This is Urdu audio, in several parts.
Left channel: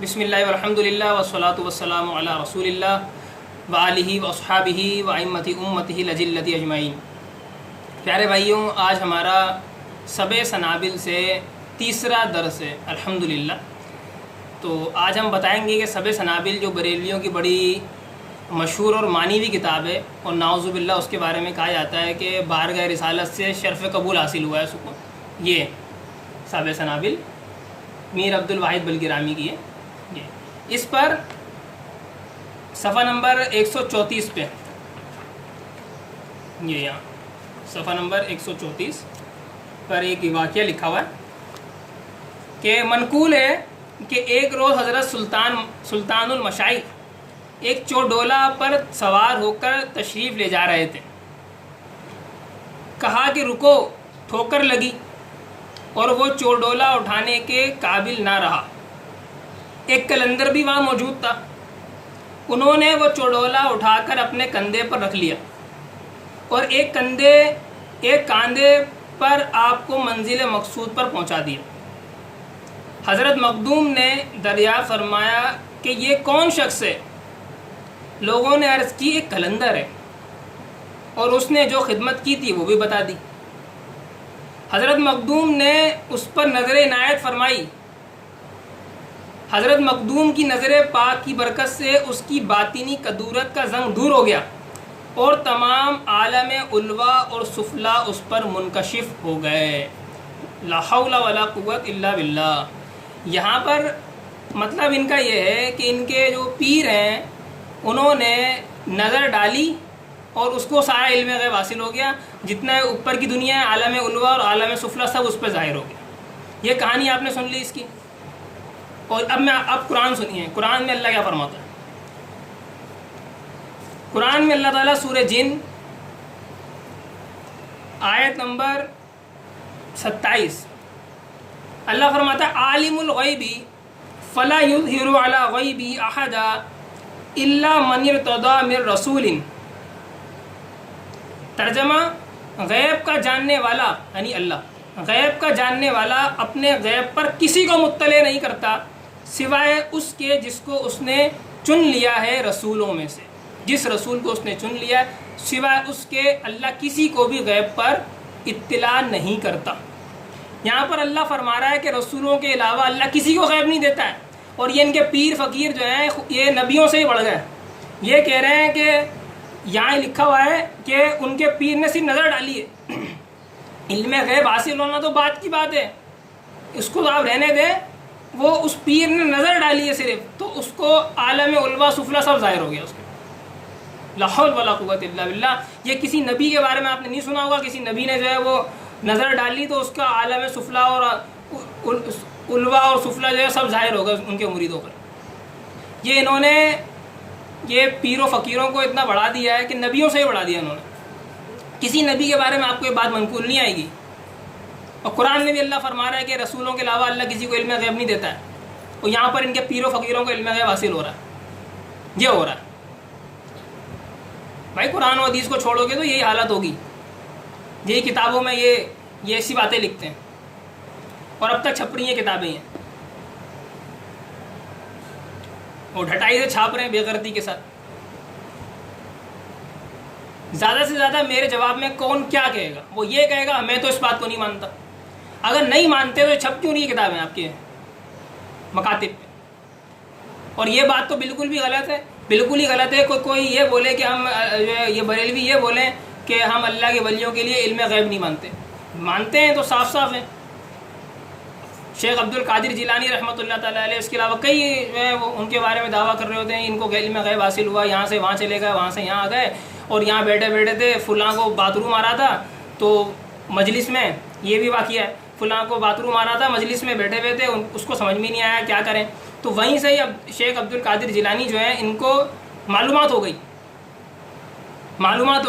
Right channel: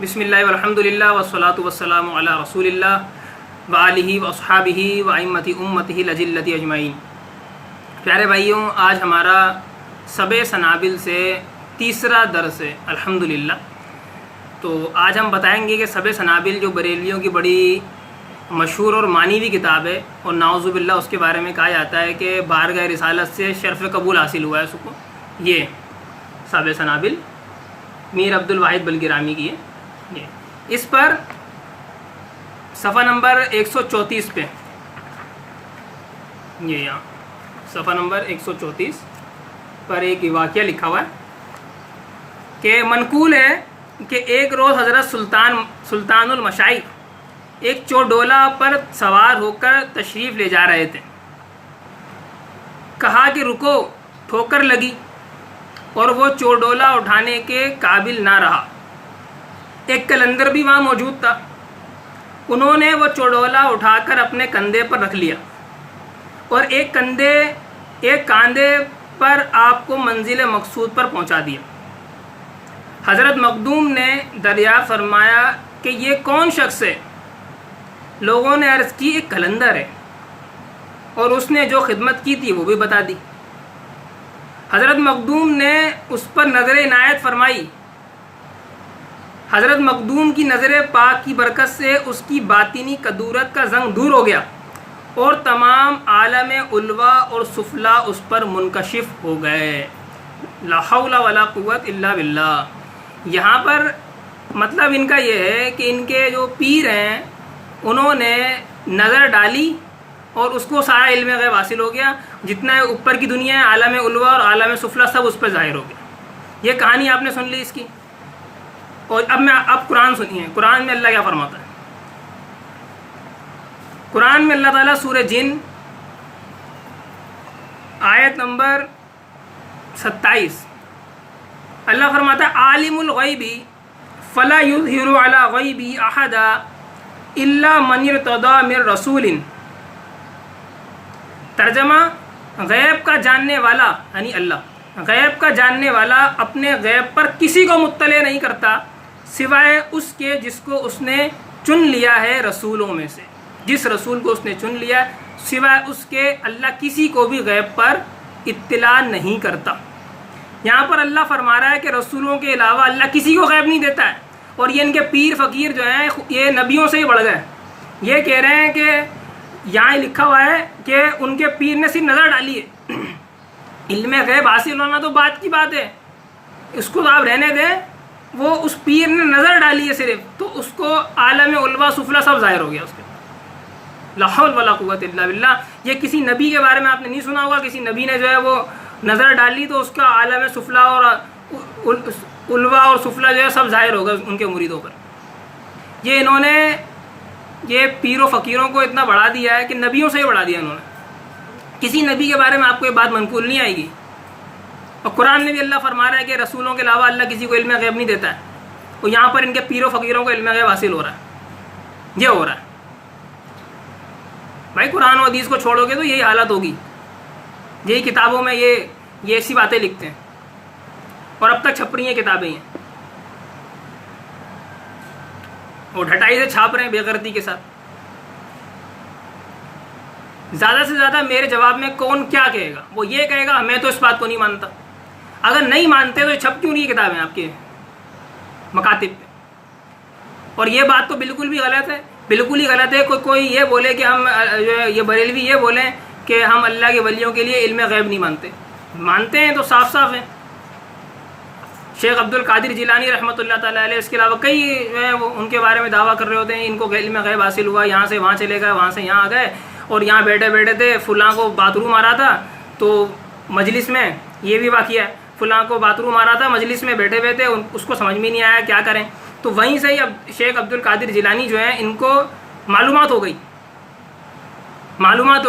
بسم اللہ والحمد للہ والصلاۃ والسلام علی رسول اللہ وآلہ واصحابہ وائمۃ امتہ الجلۃ اجمعین۔ پیارے بھائیوں، آج ہمارا سب سنابل سے تیسرا درس ہے الحمدللہ۔ تو آج ہم بتائیں گے کہ سب سنابل جو بریلویوں کی بڑی مشہور اور مانی ہوئی کتاب ہے، اور نعوذ باللہ اس کے بارے میں کہا جاتا ہے کہ بارگاہ رسالت سے شرف قبول حاصل ہوا ہے اس کو، یہ سب سنابل میر عبد الواحد بلگرامی کی ہے۔ اس پر صفحہ نمبر 134 پہ، یہ یہاں صفحہ نمبر 134 پر ایک واقعہ لکھا ہوا ہے کہ منقول ہے کہ ایک روز حضرت سلطان المشائخ ایک چوڈولہ پر سوار ہو کر تشریف لے جا رہے تھے۔ کہا کہ رکو، ٹھوکر لگی اور وہ چوڈولہ اٹھانے کے قابل نہ رہا۔ ایک قلندر بھی وہاں موجود تھا۔ انہوں نے وہ چوڈولہ اٹھا کر اپنے کندھے پر رکھ لیا اور ایک کاندھے پر آپ کو منزل مقصود پر پہنچا دیا۔ حضرت مخدوم نے دریافت فرمایا کہ یہ کون شخص ہے؟ لوگوں نے عرض کی ایک قلندر ہے، اور اس نے جو خدمت کی تھی وہ بھی بتا دی۔ حضرت مخدوم نے اس پر نظر عنایت فرمائی۔ حضرت مخدوم کی نظر پاک کی برکت سے اس کی باطنی کدورت کا زنگ دور ہو گیا اور تمام عالم علوا اور سفلا اس پر منکشف ہو گئے۔ لا حول ولا قوت الا باللہ۔ یہاں پر مطلب ان کا یہ ہے کہ ان کے جو پیر ہیں انہوں نے نظر ڈالی اور اس کو سارا علم غیب حاصل ہو گیا، جتنا اوپر کی دنیا ہے، عالم علوا اور عالم سفلا سب اس پہ ظاہر ہو گیا۔ یہ کہانی آپ نے سن لی اس کی، اور اب قرآن سنیے۔ قرآن میں اللہ کیا فرماتا ہے؟ قرآن میں اللہ تعالیٰ سورہ جن آیت نمبر 27 اللہ فرماتا ہے عالم الغیب فلا یظہر علی غیبہ احدا الا من ارتضی من رسول۔ ترجمہ، غیب کا جاننے والا یعنی اللہ، غیب کا جاننے والا اپنے غیب پر کسی کو مطلع نہیں کرتا سوائے اس کے جس کو اس نے چن لیا ہے رسولوں میں سے۔ جس رسول کو اس نے چن لیا ہے سوائے اس کے اللہ کسی کو بھی غیب پر اطلاع نہیں کرتا۔ یہاں پر اللہ فرما رہا ہے کہ رسولوں کے علاوہ اللہ کسی کو غیب نہیں دیتا ہے، اور یہ ان کے پیر فقیر جو ہیں یہ نبیوں سے ہی بڑھ گئے۔ یہ کہہ رہے ہیں کہ یہاں لکھا ہوا ہے کہ ان کے پیر نے صرف نظر ڈالی ہے۔ علم غیب حاصل ہونا تو بات کی بات ہے، اس کو آپ رہنے دیں۔ وہ اس پیر نے نظر ڈالی ہے صرف، تو اس کو عالم علوا سفلا سب ظاہر ہو گیا اس کے۔ لا حول ولا قوت الا باللہ۔ یہ کسی نبی کے بارے میں آپ نے نہیں سنا ہوگا، کسی نبی نے جو ہے وہ نظر ڈالی تو اس کا عالم سفلا اور علوا اور سفلا جو ہے سب ظاہر ہوگا ان کے مریدوں پر۔ یہ انہوں نے یہ پیر و فقیروں کو اتنا بڑھا دیا ہے کہ نبیوں سے ہی بڑھا دیا انہوں نے۔ کسی نبی کے بارے میں آپ کو یہ بات منقول نہیں آئے گی، اور قرآن میں بھی اللہ فرما رہا ہے کہ رسولوں کے علاوہ اللہ کسی کو علم غیب نہیں دیتا ہے، اور یہاں پر ان کے پیر و فقیروں کو علم غیب حاصل ہو رہا ہے۔ یہ ہو رہا ہے بھائی، قرآن و حدیث کو چھوڑو گے تو یہی حالت ہوگی۔ یہی کتابوں میں یہ ایسی باتیں لکھتے ہیں، اور اب تک چھپ رہی ہیں کتابیں ہیں، اور ڈھٹائی سے چھاپ رہے ہیں بے غیرتی کے ساتھ۔ زیادہ سے زیادہ میرے جواب میں کون کیا کہے گا؟ وہ یہ کہے گا میں تو اس بات کو نہیں مانتا۔ اگر نہیں مانتے تو چھپ کیوں نہیں کتابیں آپ کے مکاتب پہ؟ اور یہ بات تو بالکل بھی غلط ہے، بالکل ہی غلط ہے۔ کوئی یہ بولے کہ ہم جو ہے یہ بریلوی یہ بولیں کہ ہم اللہ کے ولیوں کے لیے علم غیب نہیں مانتے۔ مانتے ہیں تو صاف صاف ہیں۔ شیخ عبد القادر جیلانی رحمۃ اللہ تعالیٰ علیہ، اس کے علاوہ کئی جو ہے وہ ان کے بارے میں دعویٰ کر رہے ہوتے ہیں ان کو علم غیب حاصل ہوا، یہاں سے وہاں چلے گئے، وہاں سے یہاں آ گئے، اور یہاں بیٹھے بیٹھے تھے فلاں کو باتھ روم آ رہا تھا تو مجلس میں، یہ بھی واقعہ ہے، فلاں کو باتھ روم آ رہا تھا مجلس میں بیٹھے ہوئے تھے، اس کو سمجھ میں نہیں آیا کیا کریں، تو وہیں سے ہی اب شیخ عبد القادر جیلانی جو ہیں ان کو معلومات ہو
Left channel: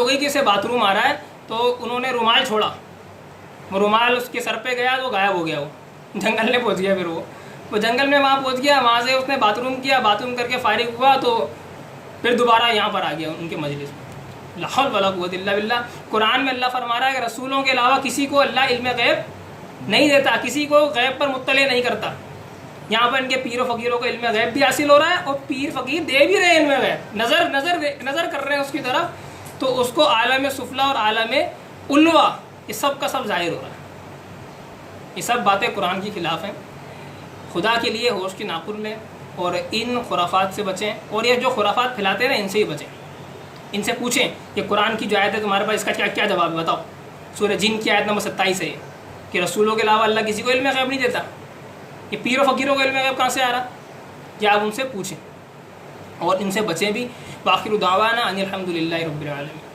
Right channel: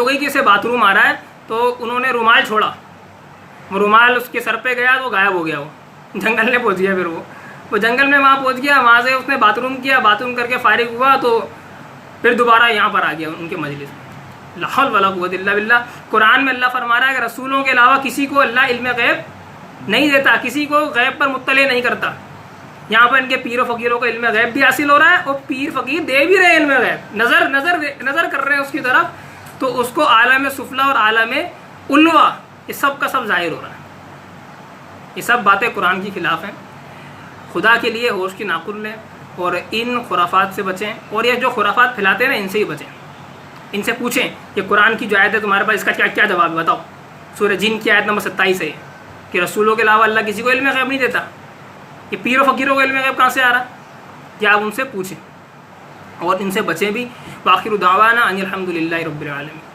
گئی کہ اسے باتھ روم آ رہا ہے، تو انہوں نے رومال چھوڑا، وہ رومال اس کے سر پہ گیا تو غائب ہو گیا، وہ جنگل میں پہنچ گیا۔ پھر وہ جنگل میں وہاں پہنچ گیا، وہاں سے اس نے باتھ روم کیا، باتھ روم کر کے فارغ ہوا تو پھر دوبارہ یہاں پر آ گیا ان کے مجلس میں۔ لا حول ولا قوت الا باللہ۔ قرآن میں اللہ فرما رہا ہے کہ رسولوں کے علاوہ کسی کو اللہ علم غیب نہیں دیتا، کسی کو غیب پر مطلع نہیں کرتا۔ یہاں پر ان کے پیر و فقیروں کو علم غیب بھی حاصل ہو رہا ہے اور پیر فقیر دے بھی رہے ہیں علم غیب، نظر کر رہے ہیں اس کی طرف، تو اس کو عالم سفلا اور عالم علوا یہ سب کا سب ظاہر ہو رہا ہے۔ یہ سب باتیں قرآن کی خلاف ہیں۔ خدا کے لیے ہوش کی ناقل لیں اور ان خرافات سے بچیں، اور یہ جو خرافات پھیلاتے ہیں نا ان سے ہی بچیں۔ ان سے پوچھیں کہ قرآن کی جو آیت ہے تمہارے پاس اس کا کیا جواب ہے، بتاؤ۔ سورہ جن کی آیت نمبر 27 ہے کہ رسولوں کے علاوہ اللہ کسی کو علم غیب نہیں دیتا، یہ پیر و فقیروں کو علم غیب کہاں سے آ رہا ہے؟ کہ آپ ان سے پوچھیں اور ان سے بچیں بھی۔ وآخر دعوانا ان الحمد للہ رب العالمین۔